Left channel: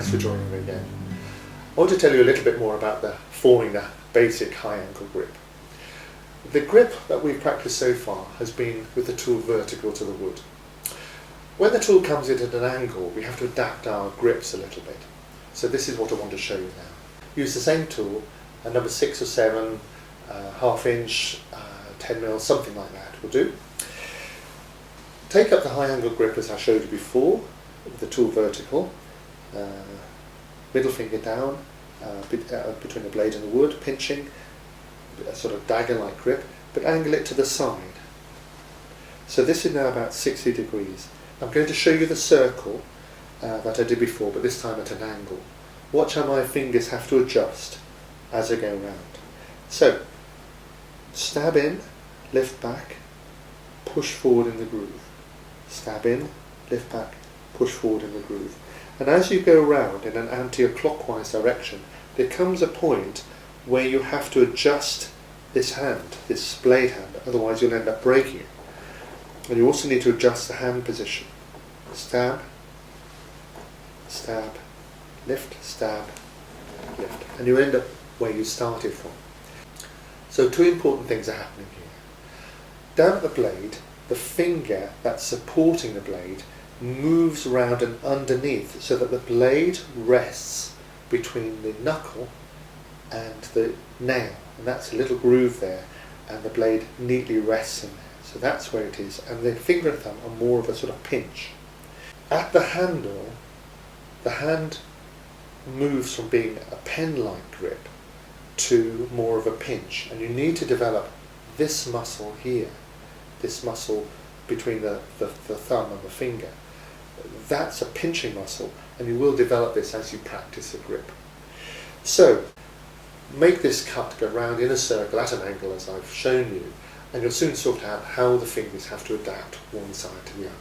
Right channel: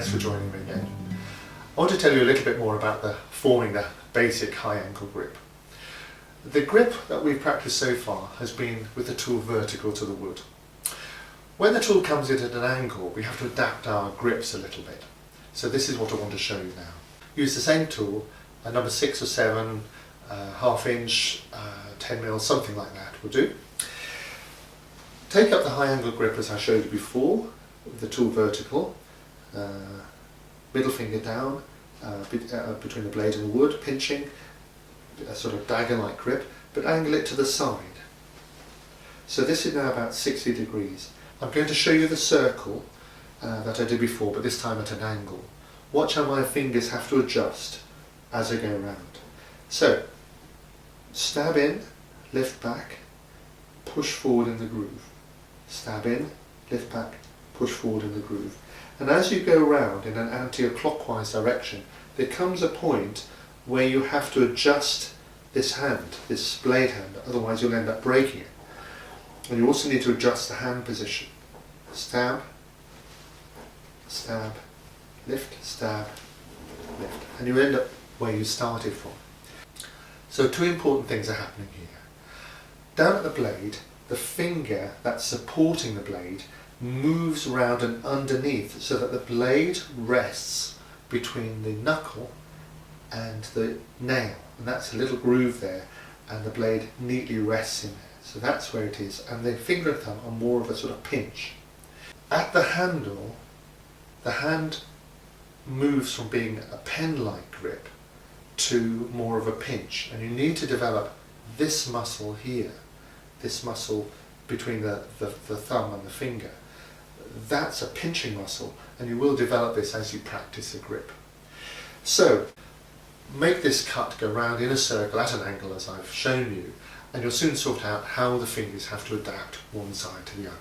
thanks for joining me again. I want to tell you a little bit more about forming the basic high angle grip. The grip that we've practiced so far has been with the tool vertical to the wood. When the tool comes in at an angle, we have to adapt our grips a little bit. So this is what I want to show you now. Use the same tool, a number 6 or 7, half inch, 10 mil, something like that will do. Take up the high angle grip as I showed you before, the tool vertical, middle finger down, between the blade and the wood, pinching, a sort of dagger-like grip, but angle it to the side. So this is now about 60 degrees. I'm going to show you the circle that I did before, but this time at an angle. Watch how my fingers have to adjust as I go around. So, stab in, lift back, push forward in the groove. Stab in, lift back, push forward in the groove. And as you go around in an anti-clockwise direction, there comes a point where you have to adjust this hand, this blade hand, otherwise you'll end up breaking it. And you also need to adjust the hand position. Stab, stab, lift, stab, lift. And you end up where you started from. So 2 important things are happening here. Down at the blade, the finger that's supporting the blade moves around and underneath so that the blade rests between the knuckle and the nail. And that's a little groove there, and the blade neatly rests in there. So that's where it is. And the finger and thumb are more of a sort of pinch. At the handle, the hand moves from being a pen-like grip to more of a pinch. And you need to develop this muscle here, this muscle between the thumb and the finger. That's a pinching muscle, and you will develop this as you practice the grip. So, make this cut go round in a circle at an angle as I've shown you, and you'll soon sort out how the fingers have to adapt one side to the other.